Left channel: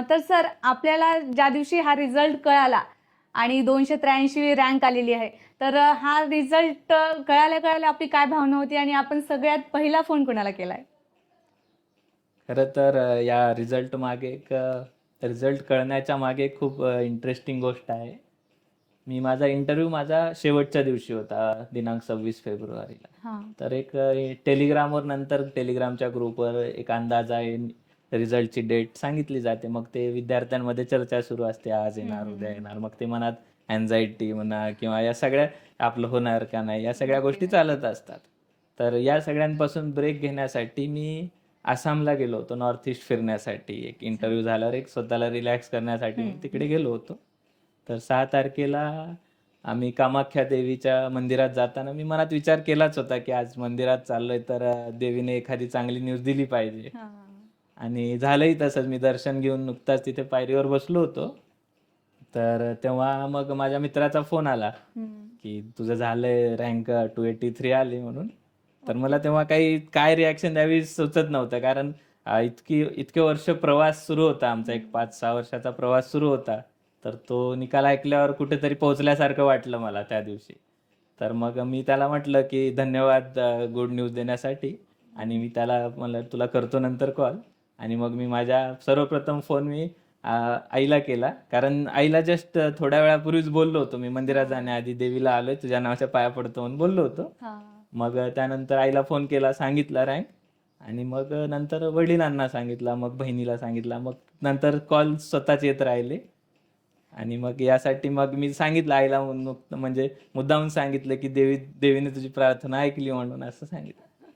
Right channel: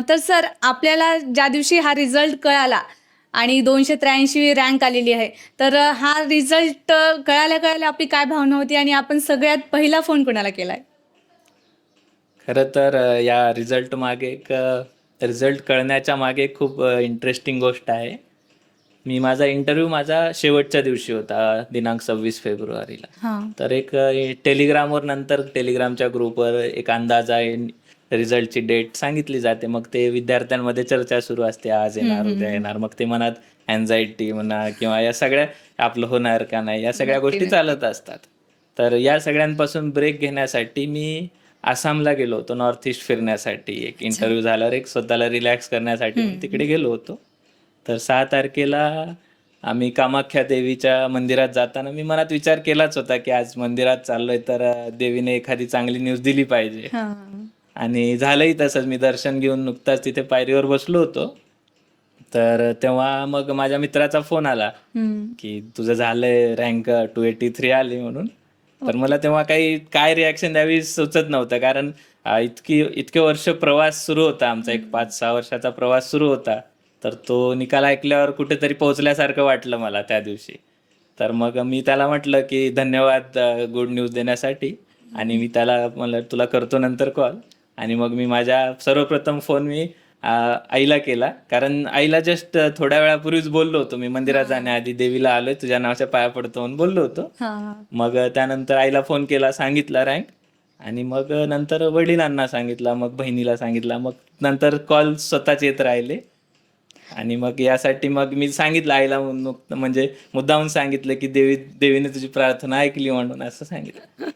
तर सर आपल्याला ज्या दिवशी हा रिझल्ट कळाला आणि 283 रँक आलेली आहे. तर हा रिझल्ट कळाल्या-कळाल्या आपली काय भावना होती आणि आपण सगळ्यात पहिला फोन कोणाला केलाय? खरं तर या रिझल्ट मागे रिझल्ट कळण्याच्या मागे खूप इंटरेस्टिंग गोष्ट आहे. माझा शेवटच्या दिवशी होता दिनांक 26 फेब्रुवारीला. हां. तर टेलिग्रामवर नंतर टेलिग्रामच्या ग्रुपवर एक अंदाज आहे, रिझल्टची डेट सांगितली जाते. मग ते विद्यार्थ्यांमध्ये चर्चा सुरू असते, आज हं, येणार, हं, उद्या हं. येणार. मग ते मनात अँक्झायटी म्हणा किंवा या सगळ्या आपलं होणार का नाही, या सगळ्या नक्की, गोष्टी नक्की. चालत असतात. तर या सगळ्यांपासून ब्रेक घेण्यासाठी मी आसामला गेलो होतो नॉर्थ ईस्ट फिरण्यासाठी. एक अच्छा. इंटरव्ह्यू झाल्यावर एक स्वतःला रिलॅक्स करण्यासाठी म्हणून हं. तिकडे गेलो होतो. तर 6 तारखेला आम्ही कामाख्या देवीच्या मंदिरात जाताना मी मनात विचार केलाच होता, की आज मंदिरात चाललोय तर देवीने एखादी चांगली न्यूज दिली पाहिजे. हां. आणि झालंही तसंच. मी दर्शन घेऊन नुकताच तिथे पायरीवर बसलो होतो. तर तेव्हा मग माझ्या मित्राचा फोन आला, हं. की "तुझं झालंय रँक 283 आली" म्हणून. तर ओके. मला तेव्हा काय रिएक्शन द्यावी सुचत नव्हतं. कारण इतके वर्ष प्रवास सुरू होता आमचा. एक हं. 5-6 वर्षाचा प्रवास सुरू होता. तर तो निकाल ऐकल्यावर कुठेतरी पोहोचल्यासारखं वाटलं मला त्या दिवशी. तर मग मी त्याला म्हटलं, की "धन्यवाद गुड न्यूज देण्यासाठी." आणि मी त्याला म्हणलं, "तुला करतो नंतर कॉल." आणि मग माझ्या सर्वप्रथम फोन आईला केला. कारण आईला जस्ट थोड्या वेळापूर्वीच बोललो होतो मी मंदिरात हां. जाण्याआधी, "देवीला आलोय, तुझ्या नावाच्या पाया पडतो" म्हणून बोललो होतो. हां. मग त्यानंतर आईला फोन केला, सांगितला रँक आणि मग नंतर वडिलांना सांगितला, मग बहिणीला सांगितला. मग नंतर कॉल स्वतःच येत राहिले आणि मग यासाठी मग मी सांगितलं आईला म्हणजे मुद्दामून सांगितलं, की देवीने तुझी प्रार्थना ऐकली म्हणून असं सांगितलं.